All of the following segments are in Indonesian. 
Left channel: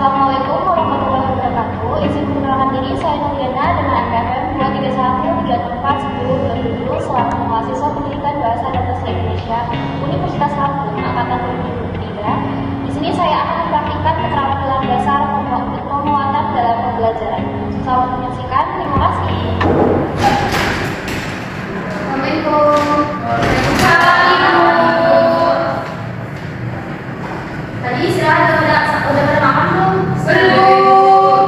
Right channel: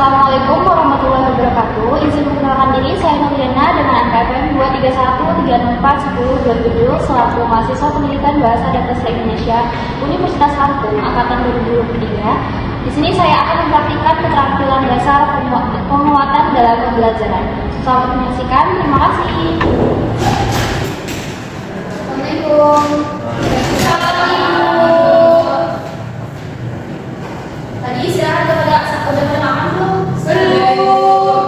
Assalamualaikum warahmatullahi wabarakatuh. Izin memperkenalkan diri, saya Nurliana dengan NPM 231341020 selaku mahasiswa pendidikan Bahasa dan Sastra Indonesia Universitas Lampung angkatan 2023. Di sini saya akan mempraktikkan keterampilan dasar penguatan dalam pembelajaran. Selamat menyaksikan. Terima kasih. Assalamualaikum. Tadi istirahat udah pada makan belum? Belum.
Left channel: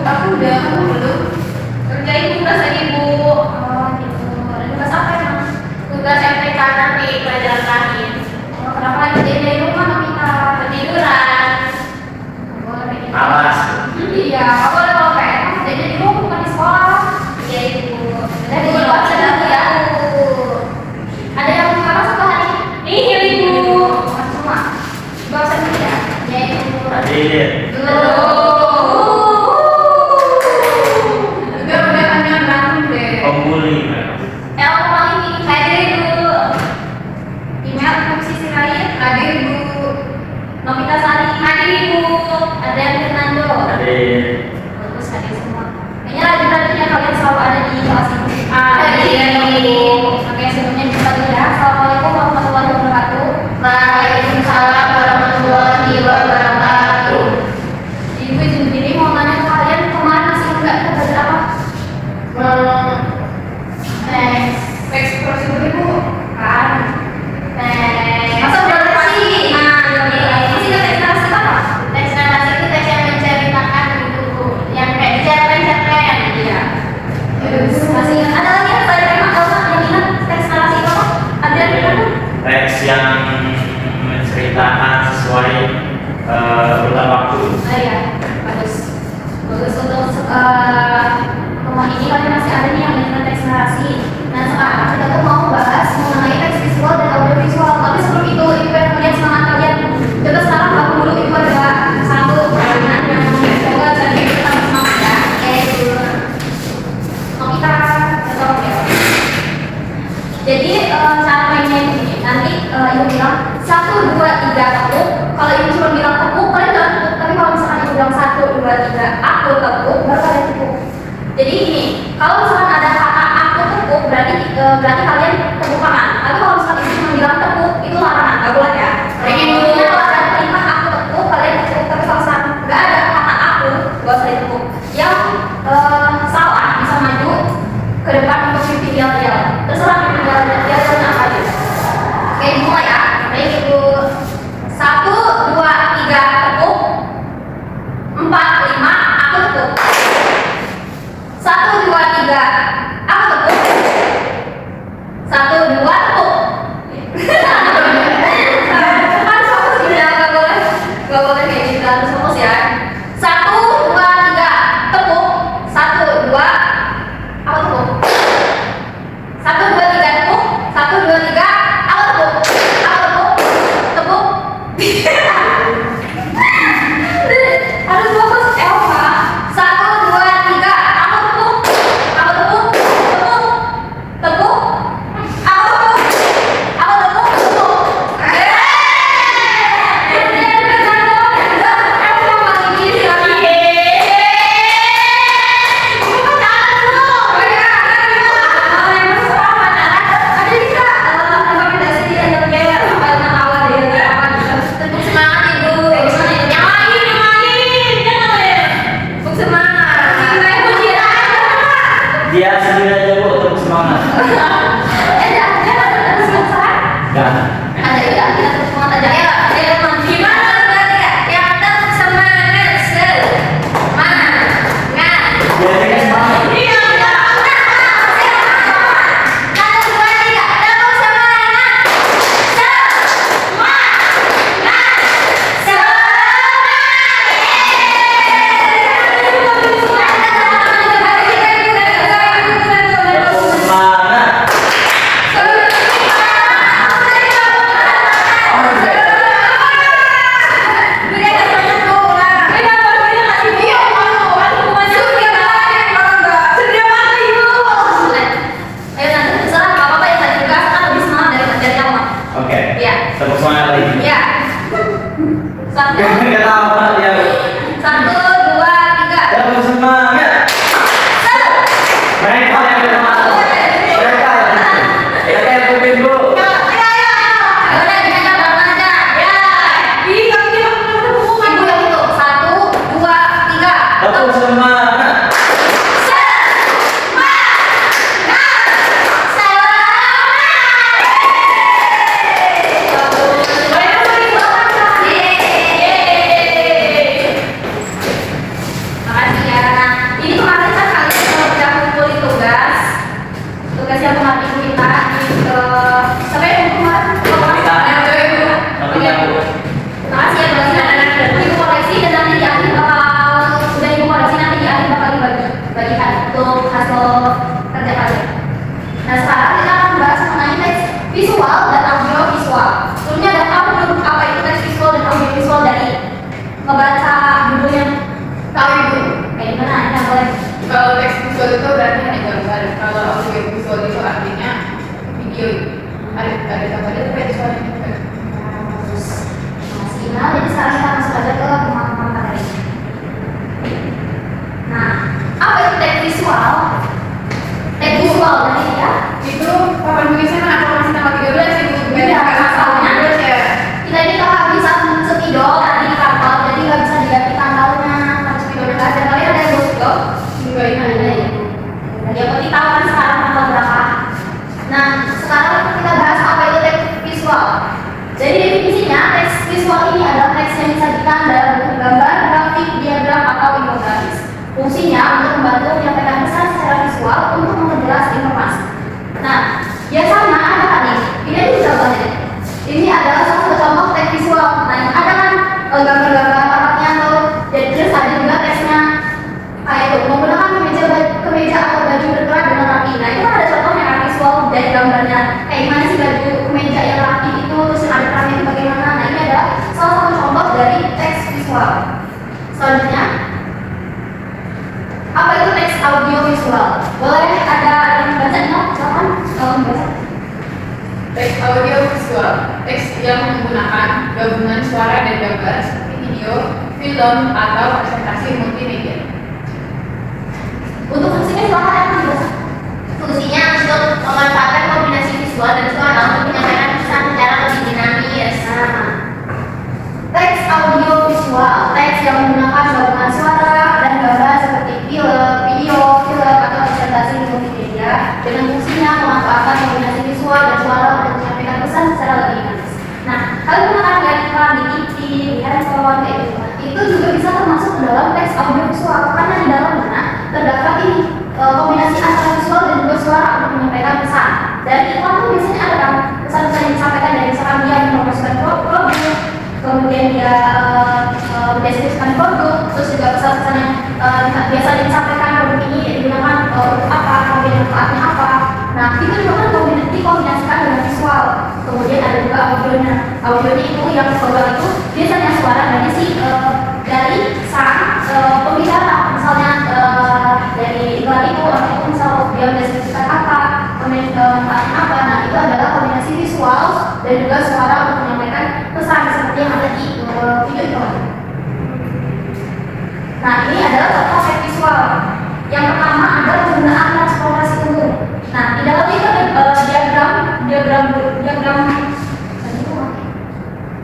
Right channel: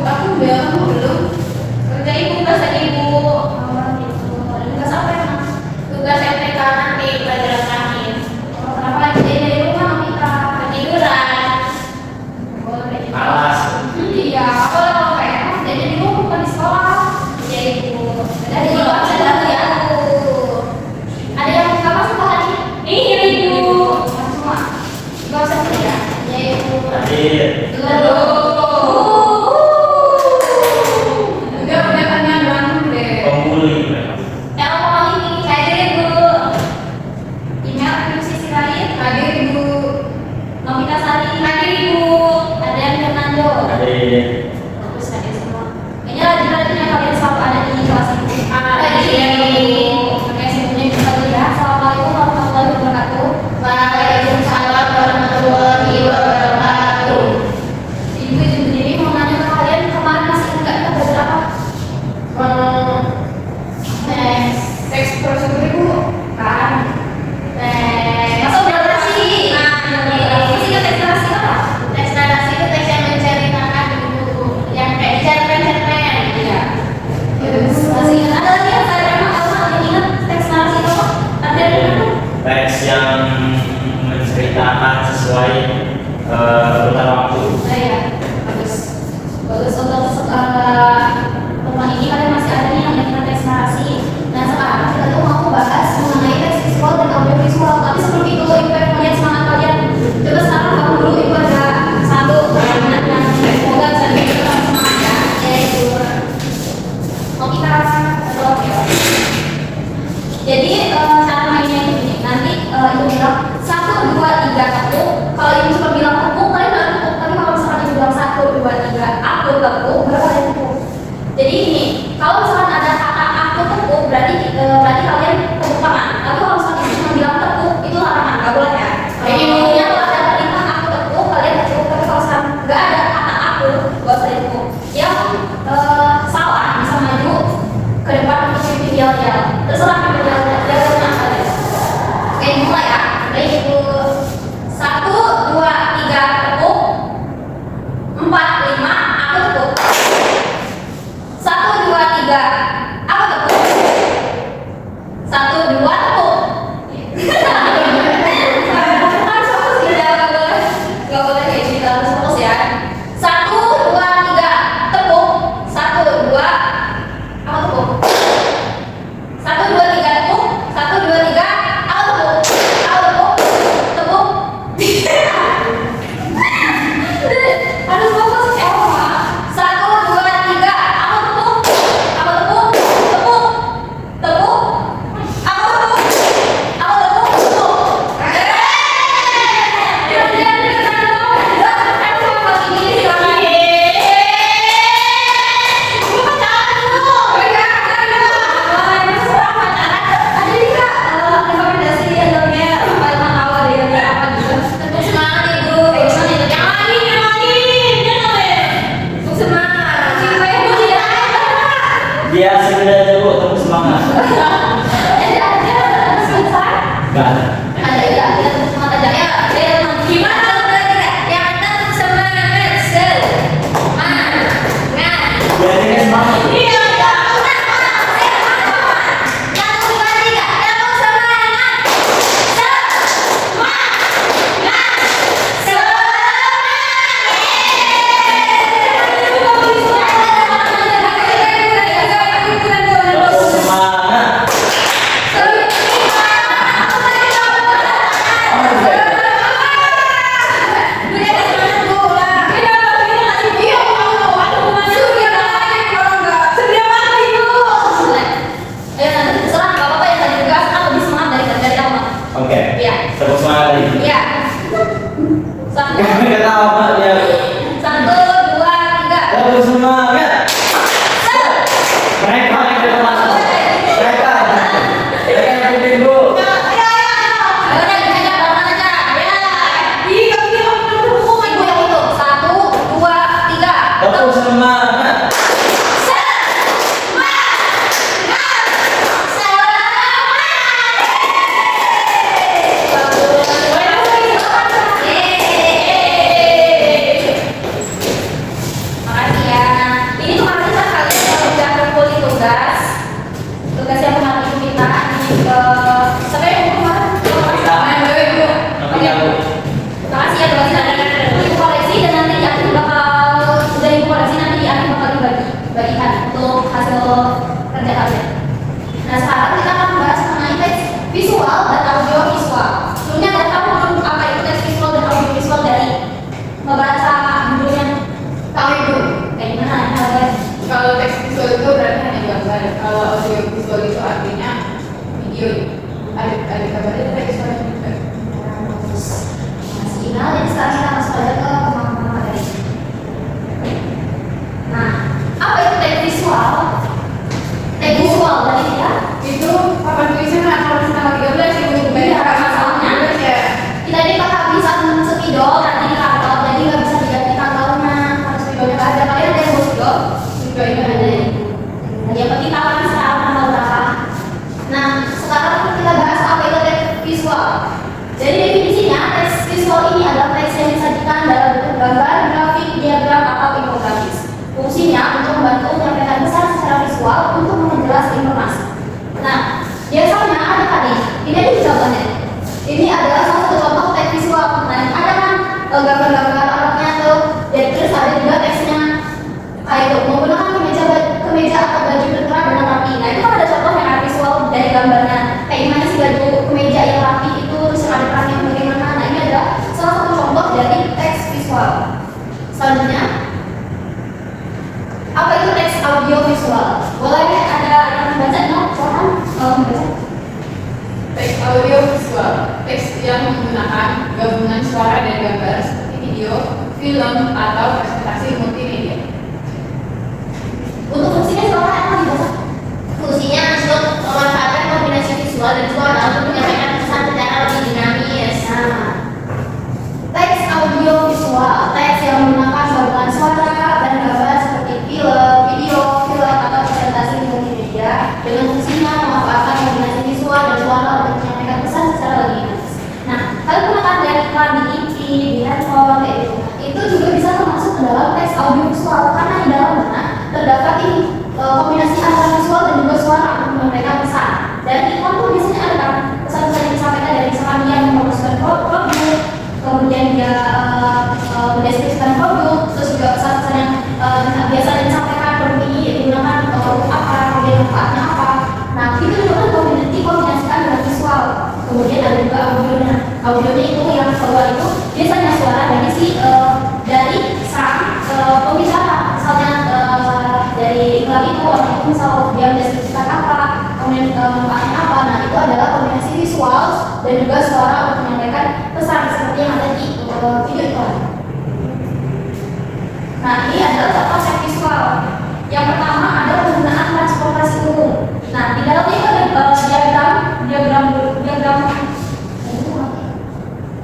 Aku udah belum. Kerjain tugas tadi ibu. Oh gitu. Tugas apa emang? Tugas MTK nanti pelajaran terakhir. Kenapa kerjain dari rumah kita? Ketiduran. Boleh. Alas. Iya. Aku boleh bawa PR. Kerjain di rumah bukan di sekolah. Iya ibu. Jadi ibu ada lagi ya. Ada yang kakak suka hari? Iya ibu. Semua. Bahasa ya, yaitu hadir. Enggak kelihatannya berantem deh. Pembuli. Apa kali ini? Hadir ibu. Email sisi lain. Hadir ibu. Novita Sari. Hadir ibu. Adrian Fernando. Hadir. Bagus hadir semua. Kayaknya rajin-rajinnya kalian selalu ada di kelas ini. Hadir ibu. Oke sebelumnya kita dulu ya. Assalamualaikum warahmatullahi wabarakatuh. Waalaikumsalam warahmatullahi wabarakatuh. Ibu jadi mau nanya ke kalian kemarin masih enggak kita belajar apa? Teks prosedur ibu kan? Masa udah narasi? Masih ke teks narasi apa? Teks narasi itu teks yang menceritakan gitu, yang kayak cerpen. Iya. Masih ada lagi yang tadi emang kalau ingat teks narasi itu ada teks yang menceritakan sesuai urutan waktu. Iya, bagus untuk rumah ini kalian masih ada nih yang ingin teks narasi. Nah sekarang kita tuh mau bahas mengenai teks visual dan audiovisual. Tapi sebelum itu ibu pengen melihat semangat kalian. Coba sekarang aku dulu ibu ada satu pertanyaan yang semoga bisa bikin kita semangat ya. Yaitu mau kita oke. Jadi cara mainnya ini nanti ibu bilang 1, 2, 3 tepuk. Kalau ibu cuma bilang tepuk, kalian nggak tepuk. Tapi kalau misalkan ibu bilang 1, 2, 3 aku tepuk, baru kalian tepuk. Jadi ini, kalau misalkan ada kata aku tepuk, berarti kalian tepuk tangan. Tapi kalau misalkan ibu cuma bilang tepuk, itu larangan, nggak boleh ya. Jadi intinya kalau ada perintah aku tepuk, kalian tepuk. Tapi kalau misalkan nggak ada kata aku, nggak usah ditepuk. Yang salah bisa maju ke depan untuk shooting yel-yel. Terserah yel-yelnya apa aja. Oke, mulai ya. Baik ibu. 1, 2, 3 tepuk. 4, 5 aku tepuk. 1, 2, 3 aku tepuk. 1, 2 tepuk. Harus fokus ya, nggak boleh kayak gitu, harus fokus ya. 1, 2, 3 tepuk. 1, 2 aku tepuk. 1, 2, 3 tepuk. 1, 2, 3 aku tepuk. Tepuk. Harus fokus Elma. 1, 2, 3 aku tepuk. Tepuk. Tepuk. Aku tepuk. Biar sebenarnya bu, untuk semangat. Enggak. Ada juga kita semangat aja ya. Gimana berarti ya? Yang ada semangat semangat. Jadi kan semangat. Iya. Tepuk semangat lagi. Iya. Kenapa dia itu berarti hanya gambar. Kalau audio visual itu artinya video. Ada gambarnya tapi visualnya juga. Terus sinyal, jadi sekarang kita masuk aja ke pemahaman materi. Nah, apa itu teks visual? Teks visual tadi ya? Itu papan tulisan atau masih tanggal 13 ibu Iya, banyak masalahnya. 13 ya. Kita ini kalau bisa spidol tadi di kantor, jadi nggak bisa diganti tanggalnya, harus spidol aja. Kalian ada yang mau spidol? Juga ini Ada itu. Nah, yang penting tahu kan sekarang tanggal berapa. Nah, sekarang kita bahas apa itu teks visual. Jadi definisinya, teks visual ini adalah teks yang disajikan dalam bentuk gambar, grafik, diagram, atau infografis. Fungsinya untuk membantu menyampaikan pesan secara visual untuk memperjelas informasi. Nah, biasanya ada kan nih, ini aja contohnya. Ini adalah salah satu contoh teks visual. Nah, ada kan gambar-gambar Arabnya tuh, dan terus ada juga teksnya. Kayak itu, menggunakan kemeja atau baju berkelas dengan rapi. Nah, itu kan ada contohnya kan visual dari gambarnya. Kayak gimana sih baju kemeja yang rapi itu, terus ada perannya bagaimana. Nah, ini adalah salah satu contoh dari teks visual. Selanjutnya, apa itu teks audio visual? Boleh ada yang baca nggak? Silakan baca. teks audio visual, teks yang menggunakan gabungan suara dan gambar seperti video, film, atau presentasi multimedia. Untuk fungsinya silakan yang dibaca. Fungsinya untuk memanfaatkan kombinasi visual dan suara untuk menyampaikan pesan secara lebih dinamis. Nah, teks audio visual, teks yang menggunakan gabungan suara dan gambar seperti film, video, atau presentasi multimedia dengan fungsinya memanfaatkan kombinasi visual dan suara untuk menyampaikan pesan secara lebih dinamis. Nah, kalian pernah kan lihat iklan di TV, di handphone, kayak gitu. Itu juga bisa termasuk dalam teks audio visual karena di dalam mana terdapat ini kombinasi antara visual dan juga suara untuk menyampaikan pesan. Dan iklan tuh biasanya ada kan pesan-pesan yang disampaikan dari misalkan dia mempromosikan produk, kemudian dia mendeskripsikan produk, terus juga pesan-pesan yang biasanya disampaikan produk ini digunakan untuk apa, kemudian manfaatnya apa. Nah, itu juga kan dikombinasikan dengan visual. Kemudian ada juga audionya. Audionya itu yang keluar itu biasanya suara dari sang pembicara. Misalnya dari iklan itu, atau misal dia mendeskripsikan apa, kemudian manfaatnya apa. Nah, itu adalah kombinasi visual dan juga suara untuk menyampaikan pesan seperti yang ada di video itu. Nah, ini adalah contoh teks visual. Yang pertama adalah penggunaan transportasi umum. Nah, di dalamnya itu ada diagram.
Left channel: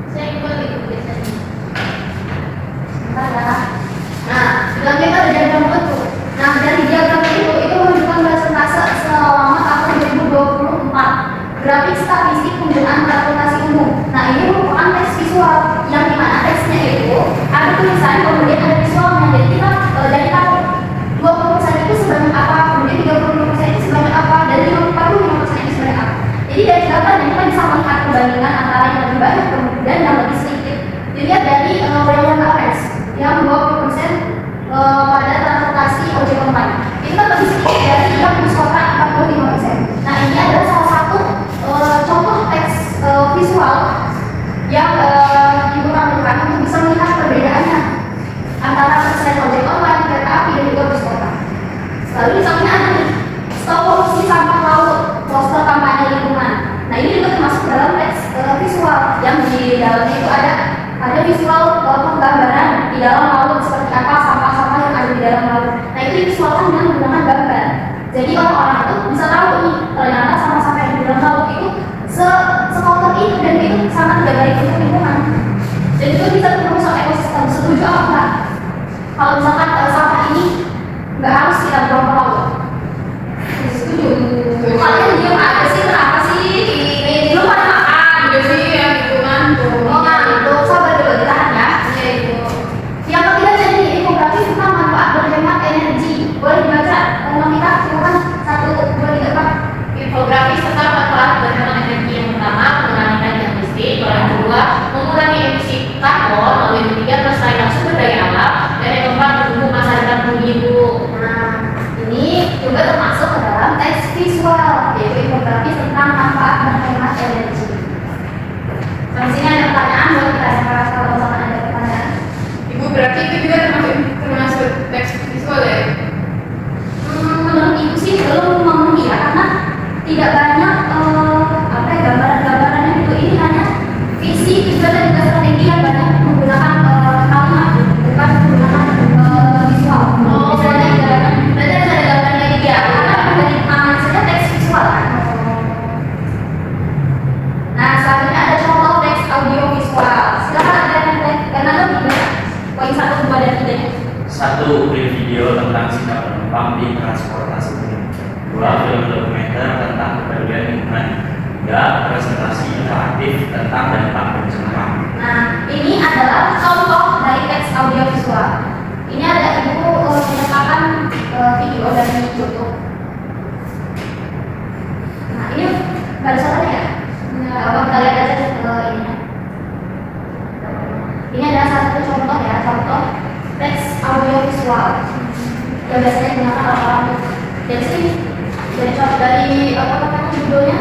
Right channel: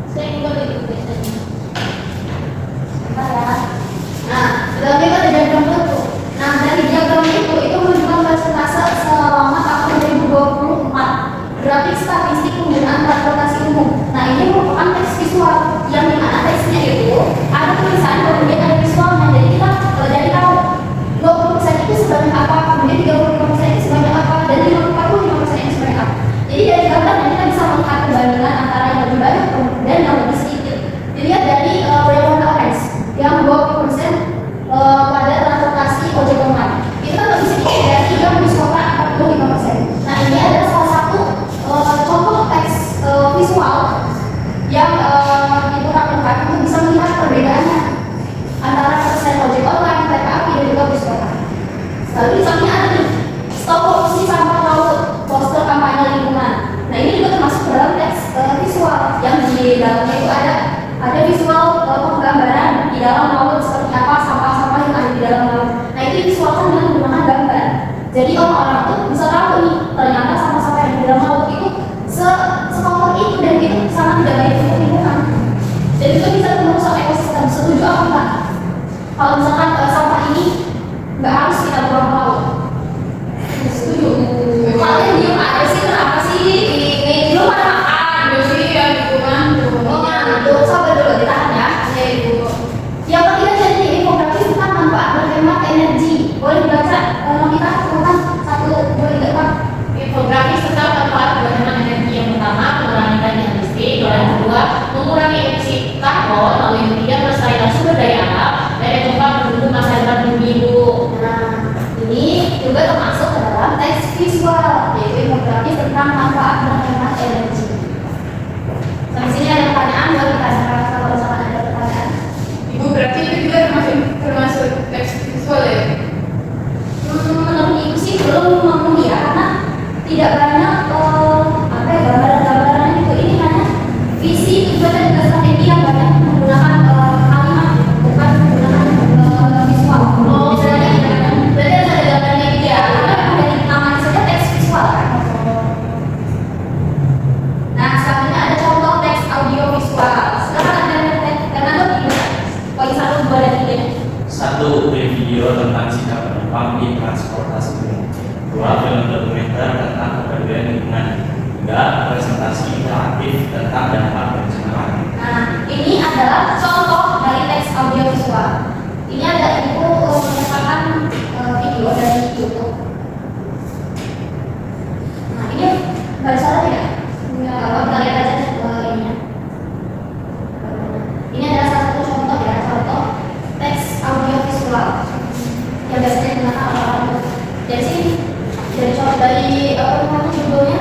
Saya ikut itu biasanya. Sebentar ya. Nah, di dalamnya itu ada diagram bentuk. Nah, dari diagram itu menunjukkan persentase selama tahun 2024 grafik statistik penggunaan transportasi umum. Nah, ini merupakan teks visual yang dimana teksnya itu ada tulisan kemudian ada visualnya. Jadi kita dari tahu 20% itu sebanyak apa, kemudian 35% itu sebanyak apa, dan 45% itu sebanyak apa. Jadi dari gambarnya kita bisa melihat perbandingan antara yang lebih banyak dan yang lebih sedikit. Dilihat dari Rayon Average yang 20% pada transportasi ojek online. Itu kan lebih sedikit dari yang diskon 45%. Nah, ini adalah salah satu contoh teks visual yang ibu lakukan untuk bisa melihat perbedaannya antara persen ojek online, kereta api, dan juga bus kota. Lalu di sampingnya ada nih stop polusi sampah laut, poster kampanye lingkungan. Nah, ini juga termasuk dalam teks visual yang di dalamnya itu ada visual penggambaran di dalam laut seperti apa sampah-sampah yang ada di dalam laut. Nah, itu divisualkan dengan menggunakan gambar. Jadi orang-orang tuh bisa tahu nih ternyata sampah-sampah yang di dalam laut itu sekotor itu dan itu sangat tidak baik untuk lingkungan. Dan itu bisa merusak ekosistem. Setuju apa enggak? Kalau misalkan sampah ini nggak harus kita buang ke laut. Setuju. Kalian diam aja sih, kenapa sih? Ini belum pada makan. Itu sih yang lingkungan tuh. Oh ngantuk, sabar dulu, ditahan ya. Ya ibu. Yang ketiga jadi infografis tentang manfaat berhemat energi. Boleh dibaca kita silakan 1, 2, 3, 4. Infografis tentang manfaat berhemat energi. Yang pertama, mengurangi tagihan listrik. Yang kedua, mengurangi emisi karbon. Lalu yang ketiga, pelestarian sumber daya alam. Dan yang keempat, mendukung masa depan bumi ibu. Nah, ini juga termasuk ke dalam teks visual, yaitu infografis tentang manfaat berhemat energi. Sampai sini ada pertanyaan, boleh kita bahas kalau misalkan ada pertanyaan. Ibu berarti itu juga termasuk teks visual ya? Menurut 1. Print video tentang sikap penumpang di transportasi umum. 2. Film dokumenter tentang kepedulian lingkungan. 3. Presentasi interaktif tentang dampak pencemaran. Nah, ini adalah contoh dari teks audiovisual. Ini ada ibu menyatakan video dari YouTube. Nah, ini baru saja ya? Apa kita lihat aja ini. Ini adalah salah satu contoh ya, contoh teks audiovisual yang biasanya digunakan orang-orang. Dari sini, dari apa namanya judulnya?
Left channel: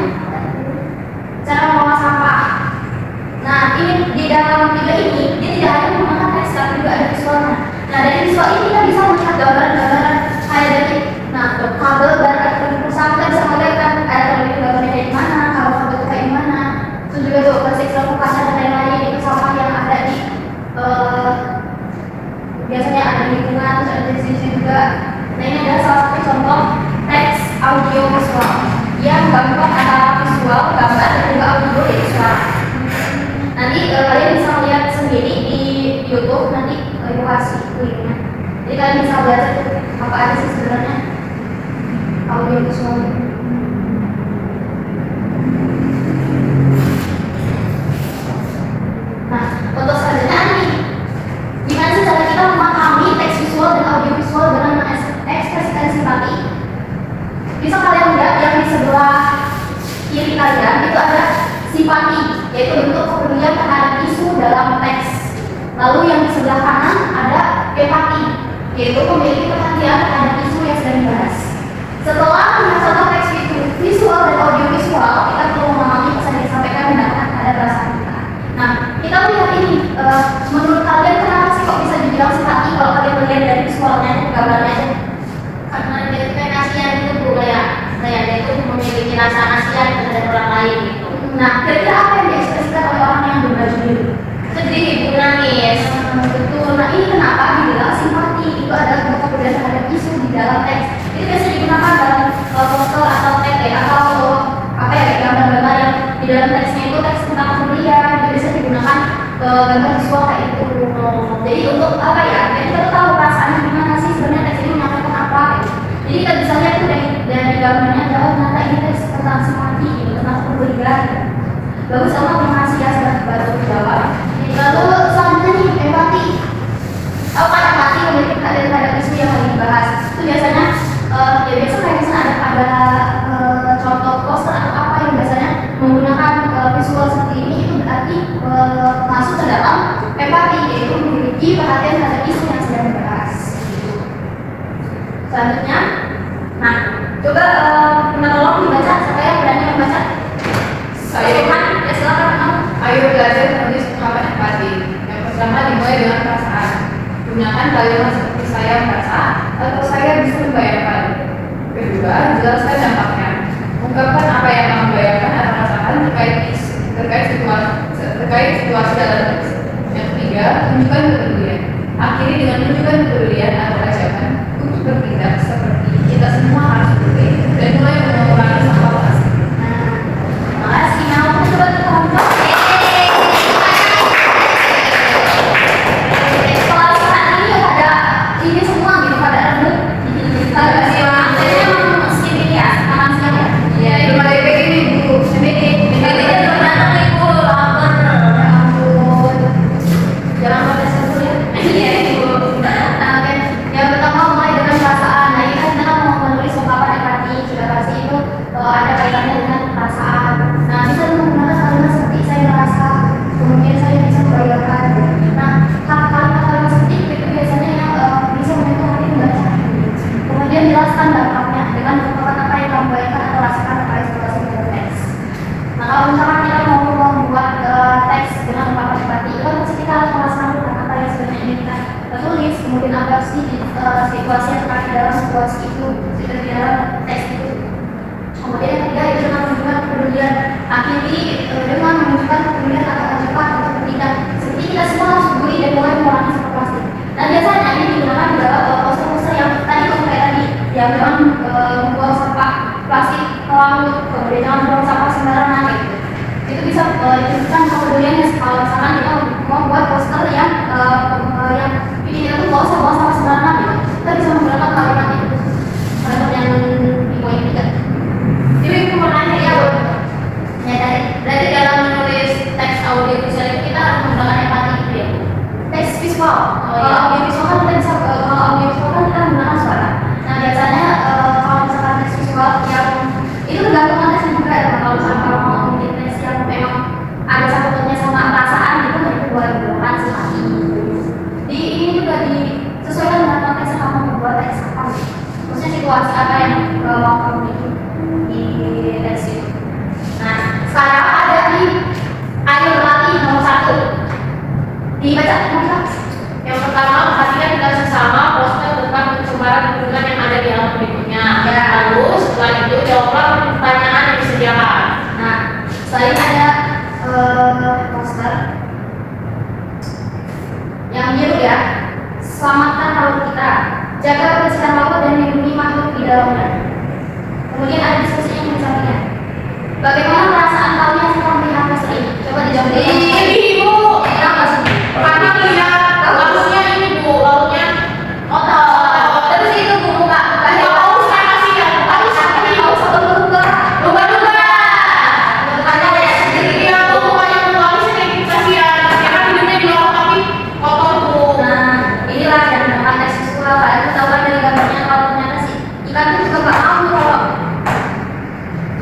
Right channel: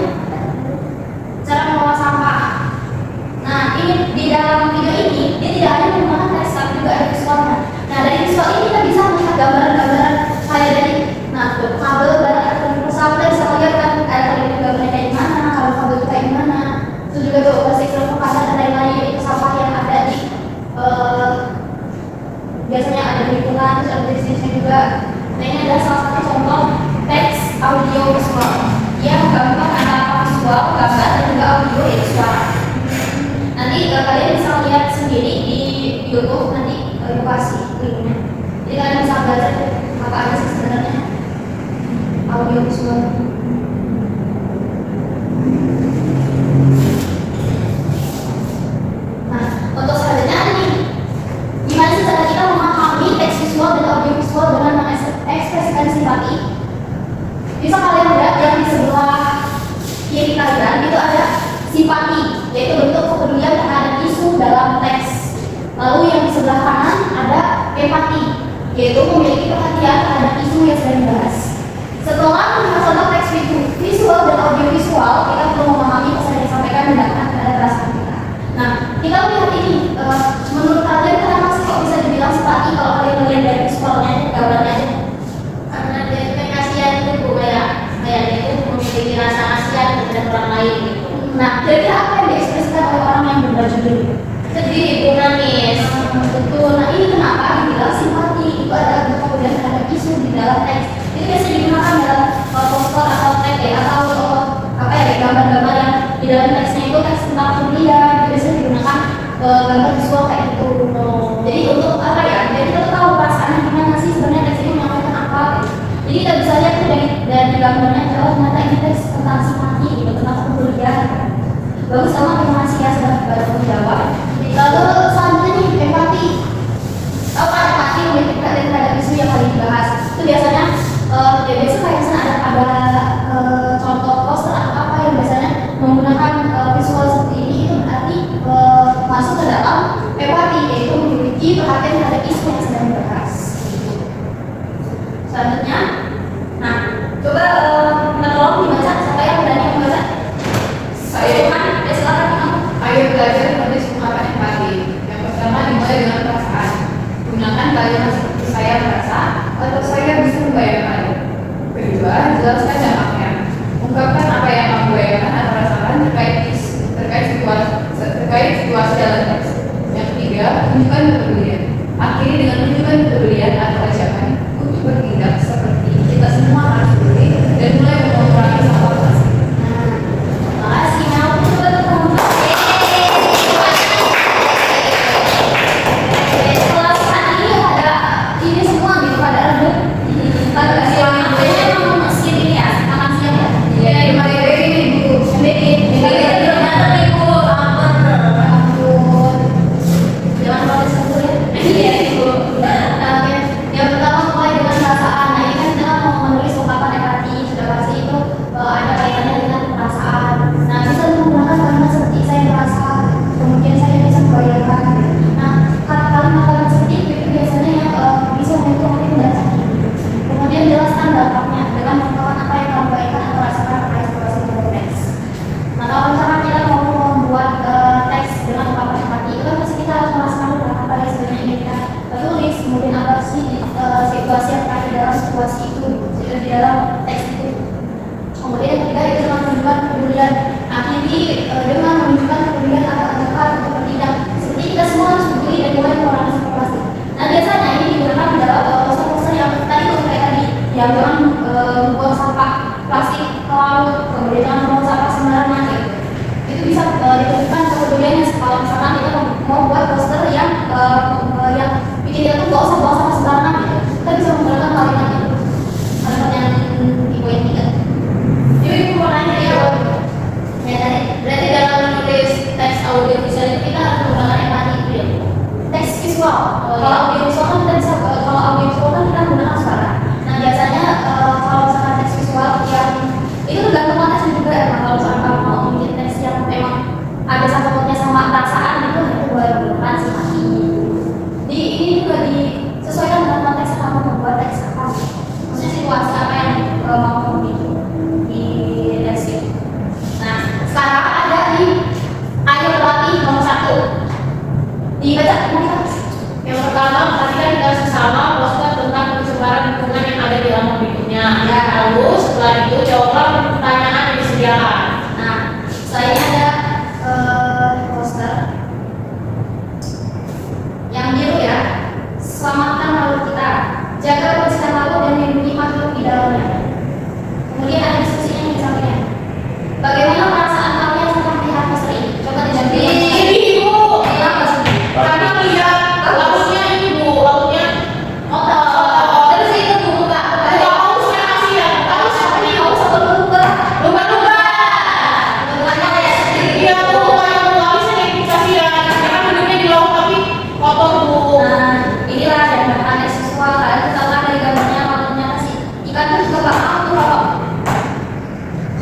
Cara mengolah sampah. Nah, ini di dalam video ini dia tidak hanya menggunakan teks tapi juga ada visualnya. Nah, dari visual ini kita bisa melihat gambaran-gambaran kayak dari kabel dan elektronik pesawat, kita bisa melihat kan elektronik gambarnya kayak gimana, kalau kabel itu kayak gimana. Terus juga tuh plastik kaca dan lain-lain itu sampah yang ada di biasanya ada di lingkungan, terus ada di sini juga. Nah, ini adalah salah satu contoh teks audiovisual yang gabungan antara visual, gambar dan juga audio dan suara. Nanti kalian bisa melihat sendiri di YouTube, nanti ibu kasih linknya. Jadi kalian bisa belajar apa aja sih sebenarnya audio visual. Nah, untuk selanjutnya nih, gimana sih cara kita memahami teks visual dan audio visual dengan mengekspresikan simpati? Bisa kalian lihat yang di sebelah kiri kalian itu ada simpati, yaitu bentuk kepedulian terhadap isu dalam teks. Lalu yang di sebelah kanan ada empati, yaitu memiliki perhatian terhadap isu yang sedang dibahas. Setelah melihat contoh teks visual dan audio visual, kita perlu memahami pesan yang disampaikan mendapatkan pada perasaan kita. Nah, kita melihat ini, menurut kalian kenapa sih kok bisa dibilang simpati kalau kalian melihat dari visualnya, gambarnya aja? Karena dia itu kasihan itu kayak dia itu memiliki rasa kasihan terhadap orang lain gitu. Nah, kira-kira apa yang diekspresikan oleh orang yang berbaju biru? Sedih, ibu nangis. Betul. Nah, ini kenapa dibilang simpati itu adalah bentuk kepedulian terhadap isu di dalam teks. Itu biasanya digunakan dalam poster atau teks ya, atau apa ya, gambar-gambar yang di dalam teksnya itu teks tentang kepedulian. Itu biasanya digunakan gambar visual kayak itu. Jadi untuk apa ya? Jadi kita tuh tahu perasaannya gimana sih sebenarnya teks ini menyampaikan apa. Gitu. Jadi kita bisa lihat tuh dari gambarnya, oh ternyata ini teks tentang simpati, gitu, tentang kepedulian. Bagus banget, terima kasih ya sudah bantu menjawab. Lalu selanjutnya nih, empati. Tahu kan empati memiliki perhatian terhadap isu yang lagi dibahas. Itu biasanya ya biasa kayak misalnya ada contoh poster atau apa yang biasanya menggunakan visual seperti ini, itu berarti masuk ke dalam empati, yaitu memiliki perhatian terhadap isu yang sedang dibahas. Selanjutnya, nah coba menolong dibaca, siapa yang berani membaca? Saya Ya silakan kamu. Ayo belajar menulis ungkapan empati. Yang pertama dimulai dengan perasaan. Gunakan kalimat seperti saya merasa atau saya bisa membayangkan. Kedua, jelaskan dampaknya. Ungkapkan apa yang kamu bayangkan atau rasakan terkait situasi dalam teks. Yang ketiga, tunjukkan kepedulian. Akhiri dengan menunjukkan kepedulian atau ajakan untuk bertindak seperti kita semua harus peduli dan mulai mengurangi sampah plastik. Makasih, nah aku coba kelompok. Kelas ini ada ini semua gitu, pada rebut. Pada siang, kayaknya memang mesin ini ya, makan siang ya. Iya, belum ada EPG nih, Bu. MBG, tapi kita belum datang nih Bu, lapar. Ya ampun. Jangan protes dulu ya. Iya Ibu. Nah, oke. Yang pertama mulai dengan perasaan. Nah, ini kan kita mau menulis ungkapan empati, sudah pasti itu ada kaitannya dengan perasaan. Nah, bisa menggunakan kalimat seperti saya merasa, kemudian saya bisa membayangkan. Nah, kalimat-kalimat seperti itu biasanya yang bisa membantu orang membaca. Kemudian jelaskan dampaknya dengan mengungkapkan apa yang kamu bayangkan atau rasakan pada situasi dalam teks. Nah, kalau misalkan kita mau membuat teks dengan ungkapan empati, itu pasti kita harus merasakan apa yang sebenarnya ingin kita tulis, kemudian apa sih situasi yang terjadi dalam situasi itu, di dalam teks itu. Kemudian yang ketiga itu dengan menunjukkan kepedulian. Akhiri dengan menunjukkan kepedulian atau ajakan untuk bertindak. Seperti kita semua harus peduli dan mulai mengurangi sampah plastik. Nah, biasanya ini digunakan dalam poster-poster yang tadi tuh kayak tadi, yang jangan membuang sampah plastik ke laut, kemudian jangan membuang sampah sembarangan gitu. Itu bisa ditunjukkan kepeduliannya kalau misalkan kita mau buat poster yang bikin kita tuh gak usah buang sampah sembarangan gitu. audiovisual. Oh, iya. Kalau audiovisual kan kita bisa, kalau audiovisual kan kita menggunakan suara. Nah biasanya kalau misalkan tes visual yang itu tergantung konteks juga. Nah, kalau misalkan kalau mau bikin tes yang memang ada sangkut pautnya sama perasaan gitu, nah itu boleh digunakan sih masih. Di ini juga disesuaikan dengan konteks yang kamu membuat teks apa. Maksudnya situasi apa yang mau kamu bikin di teks itu. Nah sekarang ada di ayo pelatih nomor 1 dibaca mungkin. Yang pertama, perhatikan dengan sesama poster tentang pencemaran lingkungan yang ada di halaman berikutnya. Ya. Lalu setelah itu jawablah pertanyaan yang disediakan. Nah, selain ada poster yang biru ya, selamatkan laut kita, jaga kebersihan laut dan lindungi makhluk di dalamnya. Kemudian ada diskusi yang misalnya, bagaimana perasaan kalian setelah melihat poster ini? Coba dijawab. Sedih, Bu. Kenapa sedih? Karena lihat lautnya ini, Bu, lautnya Terus itu buku Kak. nggak haus, saya kasihan. Haus apa nih? Haus atau Lumba-lumba. lumba-lumba? Lumba-lumbanya ya sedih. Iya, Bu, kayak Bu Alice yang gitu kasihan. Karena hidupnya di laut tapi kotor, Bu. Nah, inilah yang namanya siswa. Kalian ketahuan dari gambarnya kalau ternyata si ikan itu juga gak mau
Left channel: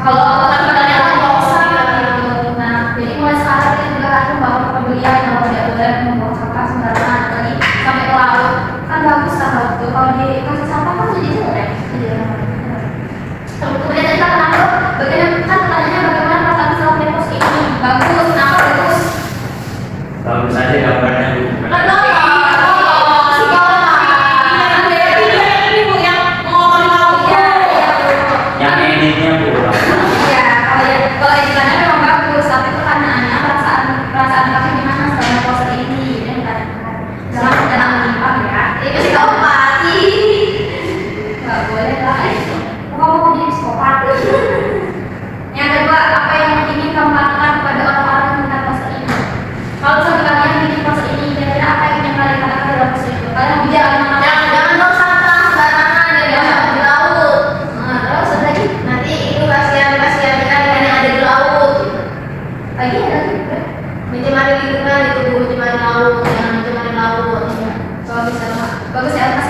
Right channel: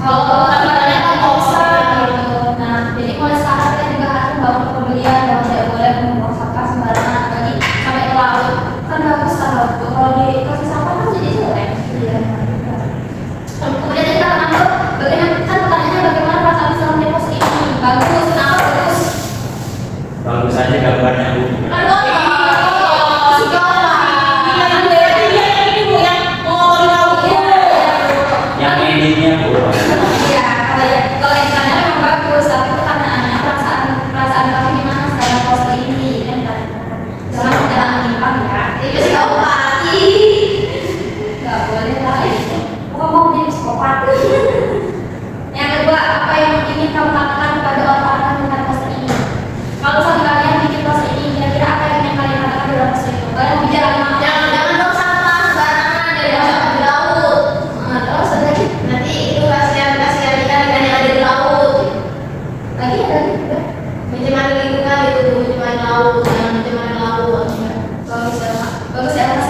kalau katanya nggak usah gitu. Nah, jadi mulai sekarang kita juga harus membangun kepedulian bahwa tidak boleh membuang sampah sembarangan, apalagi sampai ke laut. Kan bagus kan laut tuh. Kalau dikasih sampah kan jadi jelek. Kemudian kita kenapa? Bagaimana kan pertanyaannya bagaimana perasaan setelah melihat poster ini? Bagus, kenapa bagus? Bagus aja gambarnya Bu. Yang editnya Bu. Iya, kalau yang ditanya memang bagus, tapi pertanyaannya perasaan kamu gimana setelah poster ini? Dan jangan jangan menyimpang ya. Itu sih kamu mati. Gak boleh lah itu. Kamu menjadi psikopat. Yang kedua, apa yang ingin kamu katakan kepada orang-orang yang melihat poster ini? Kalau misalnya kalian bikin poster ini, kira-kira apa yang ingin kalian katakan dalam poster itu? Kalian bicara dengan Jangan dong sampah sembarangan dari di laut. terus ada lagi, Nanti itu kasihan ikan yang ada di laut. lagi ada lagi juga. Mencemari lingkungan itu Bu, mencemari laut, jangan mencemari laut. Bagus ya, Mak. Bagus ya, Mas.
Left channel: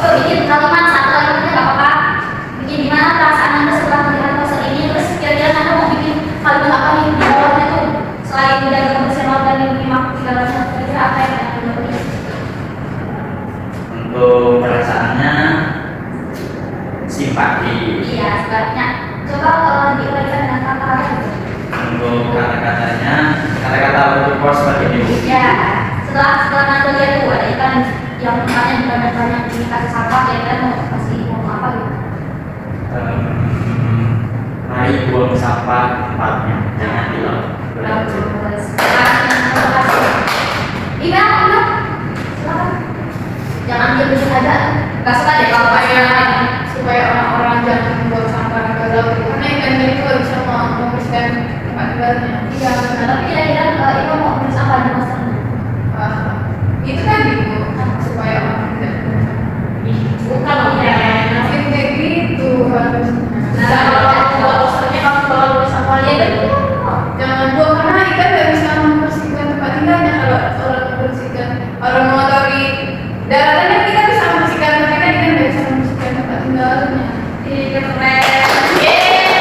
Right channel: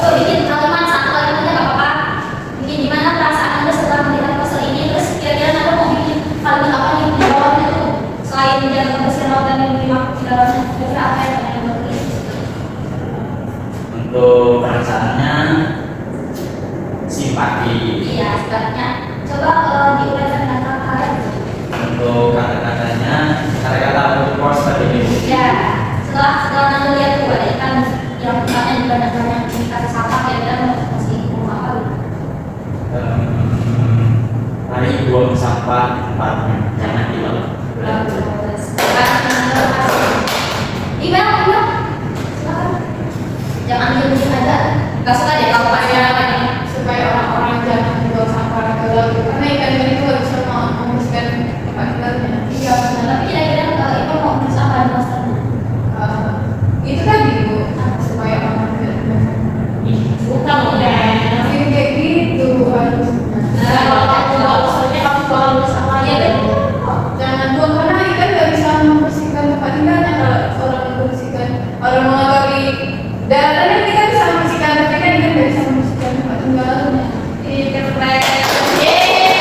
Oh, bikin kalimat satu kalimat aja nggak apa-apa. Bikin gimana perasaan Anda setelah melihat poster ini? Terus kira-kira Anda mau bikin kalimat apa nih di bawahnya tuh? Selain menjaga kebersihan laut dan lindungi makhluk di dalamnya, kira-kira apa yang akan dibuat? Untuk perasaannya simpati. Iya, sebabnya. Coba diuraikan dengan kata-kata gitu. Untuk kata-katanya, kata-kata untuk poster ini. Ya, setelah Anda lihat tuh ada ikan yang tempatnya banyak-banyak dikasih sampah, kira-kira mau kasih ngomong apa gitu? Mari buang sampah tempatnya, jangan di laut. Bagus. Terima kasih. Ina, silakan. Jangan diam aja. Gak suka deh kalau supaya orang-orang jangan membawa sampah ke laut. Karena ikan itu nggak bisa membersihkan tempat tinggalnya. Iya benar. Tapi kira-kira Ibu mau nulis apa di poster? Itu tadi Bu, supaya orang tidak Bukan loh ya. kayak gitu harusnya. Kalau posternya kamu bakal nulis apa aja deh. Jangan buang karena ikan nggak bisa membersihkan tempat tinggalnya. Kalau orang membersihkan, orang mengotori daratan kan kita bisa membersihkan, tapi kan ikan nggak bisa membersihkan tempat tinggalnya. Keren. Yeay.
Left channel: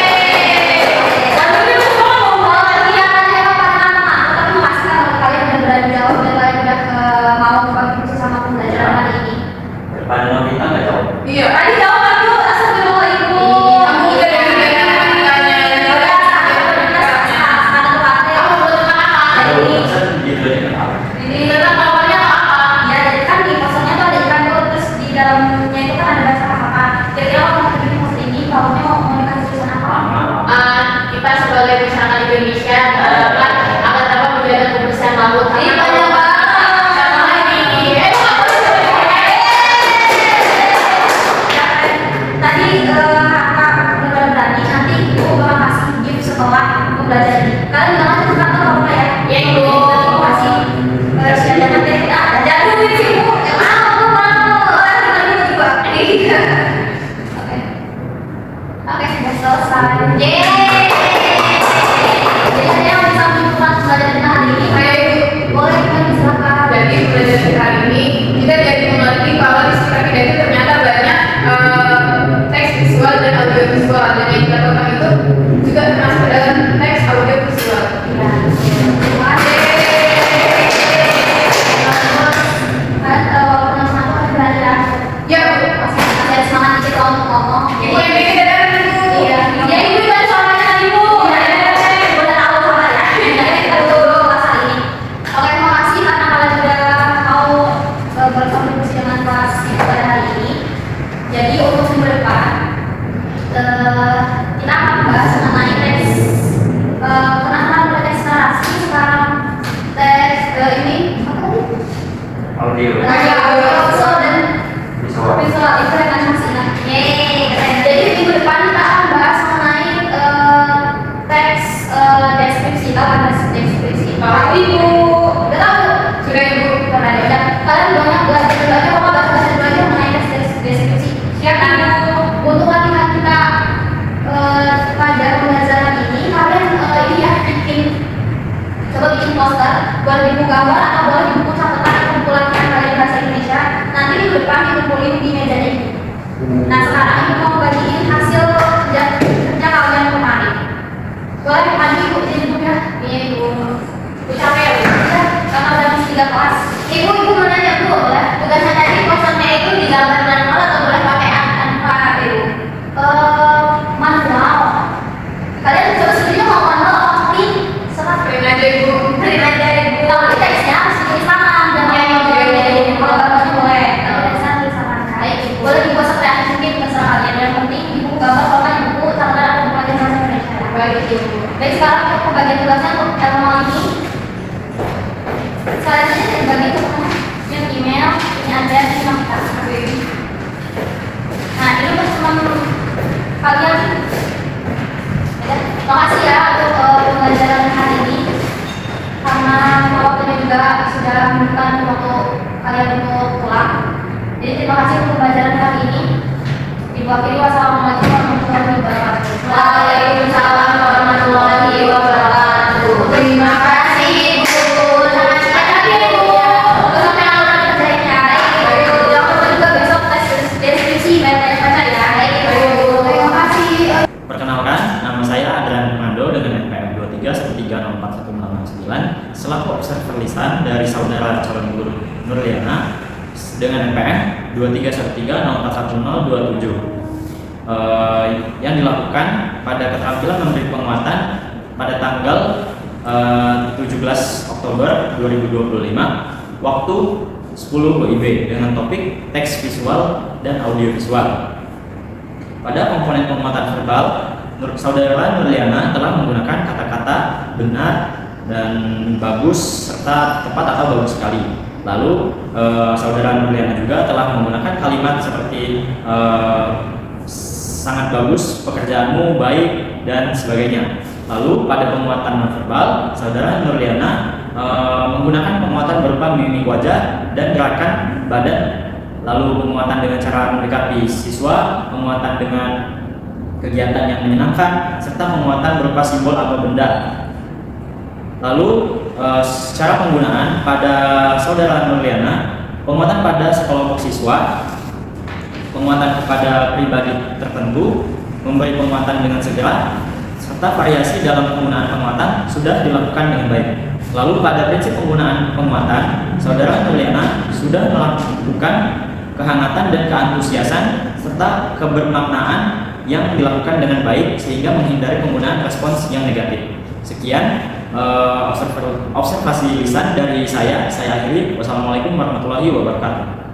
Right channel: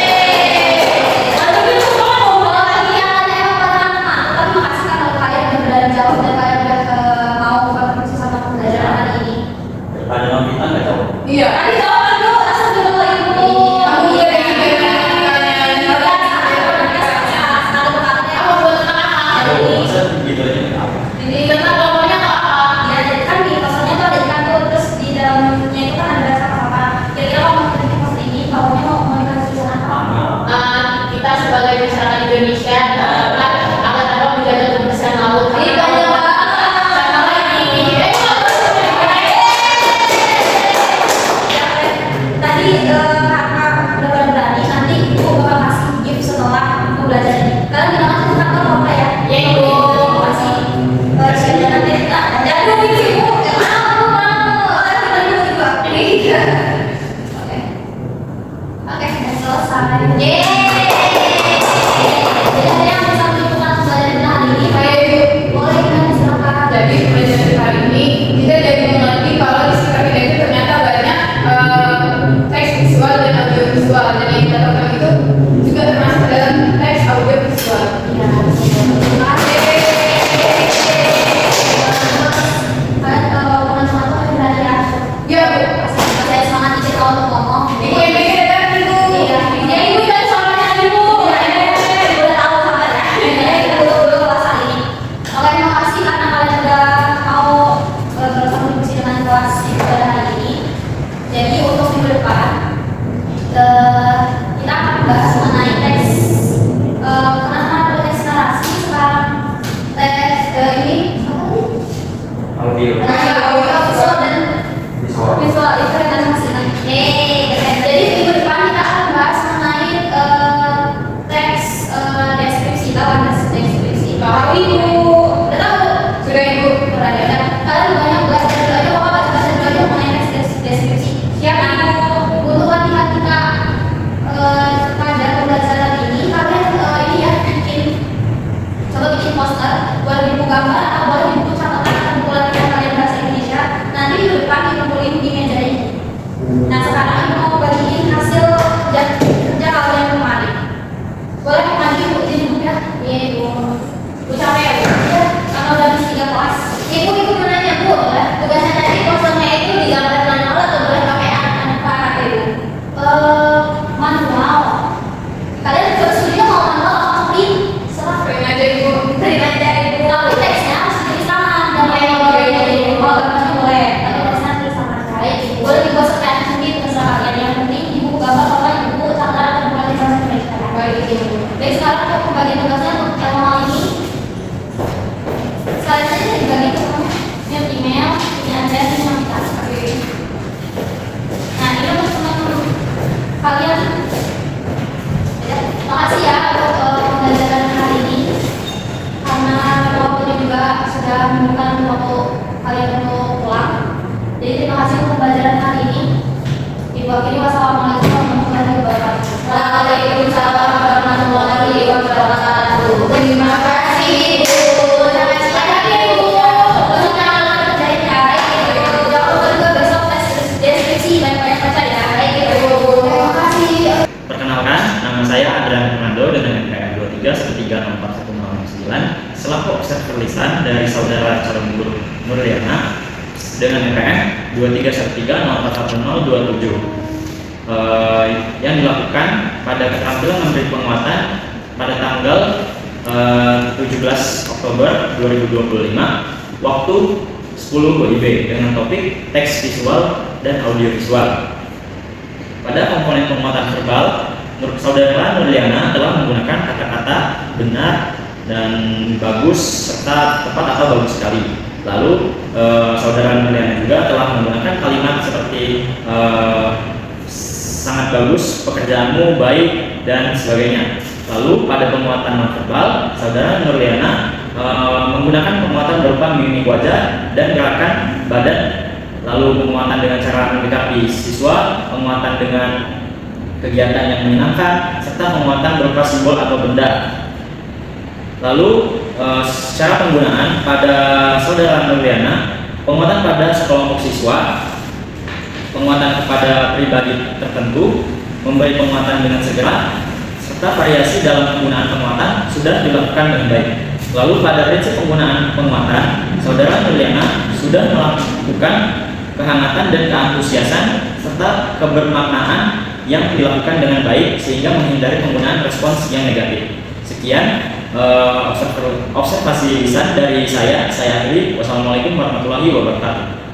audio. visual dan Visual. visual itu yang animasinya. Jadi minggu depan kita akan bahas mengenai teks deskripsi, tahu kan deskripsi? Tahu, Ibu. Udah tahu? Sudah, Ibu. Pernah ya kan? Kalian banyak belajar mengenai teks deskripsi. Siap, Ibu. Untuk latihan kita pada pembelajaran ini, kalian ini ya coba bikin poster, boleh di buku gambar atau boleh di buku catatan atau buku latihan kalian bahasa Indonesia. Nanti minggu depan dikumpulin di meja ini. Nah sekarang ibu mau bagiin hasil kerja kalian kemarin. Boleh dipanggil ibu di buku ya? Iya ibu. Bu capek ya bu? Ya, karena udah habis 3 kelas. Ibu mau nanya bu, ya tugasnya tadi posternya itu digambar manual atau boleh pakai apa ibu? Manual. Kalian bersedia mau manual atau print? Serah print aja ibu. Print aja ibu. Tapi teksnya harus tulisan dan boleh. Tapi teksnya tulisan baik. Boleh dibuat sekreatif mungkin terserah kalian. Yang penting ibu gambar kalau ibu catatan atau buku aja bahasa Indonesia. Baik ibu. Baik sekarang untuk pembagian tugasnya untuk manual ini. Sekalian saja dibagi ke teman. Yang email, ini Anda, ini Mamita. Nah ini untuk teman kalian. Terima kasih ya untuk pembelajaran hari ini. Karena waktunya juga sudah menunjukkan waktu kalian untuk pulang. Jadi terima kasih untuk pembelajaran hari ini. Ibu akhiri wassalamualaikum warahmatullahi wabarakatuh. Waalaikumsalam warahmatullahi wabarakatuh. Terima kasih ibu. Sangat semangat ya ibu. Besok yang akan kita kerjain ya. Baik ibu. Jangan lupa juga besok tes deskripsi banyak-banyak baca ya. Baik ibu. Terima kasih. Perkenalkan, nama saya Adrian Fernando dengan NPM 23 selaku observer lisan dari saudara calon guru Nurliana dengan NPM 23 yang dilakukan pada keterampilan memberi penguatan pada tanggal 17 Oktober 2025 waktu 10 WIB dengan topik teks visual dan audio visual. Pada komponen penguatan verbal, saudara Nurliana telah menggunakan kata-kata benar dan bagus serta tepat atau bagus sekali. Lalu saudara Nurliana juga telah menggunakan kalimat seperti sangat bagus, pekerjaanmu baik dan sebagainya. Lalu pada penguatan nonverbal, saudara Nurliana menggunakan penguatan berupa mimik wajah dan gerakan badan. Lalu penguatan dengan cara mendekati siswa, penguatan dengan kegiatan yang menyenangkan, serta penguatan berupa simbol atau benda. Lalu secara penggunaan pada saudara Nurliana, penguatan pada sekelompok siswa, penguatan kepada pribadi tertentu, memberi penguatan dengan segera, serta variasi dalam penggunaan penguatan sudah dilakukan dengan baik. Lalu pada prinsip penggunaan penguatan, saudara Nurliana sudah melakukan kehangatan dan keantusiasan serta kebermaknaan yang dilakukan dengan baik sehingga menghindari penggunaan respons yang negatif. Sekian observasi lisan dari saya akhiri. Wassalamualaikum warahmatullahi wabarakatuh.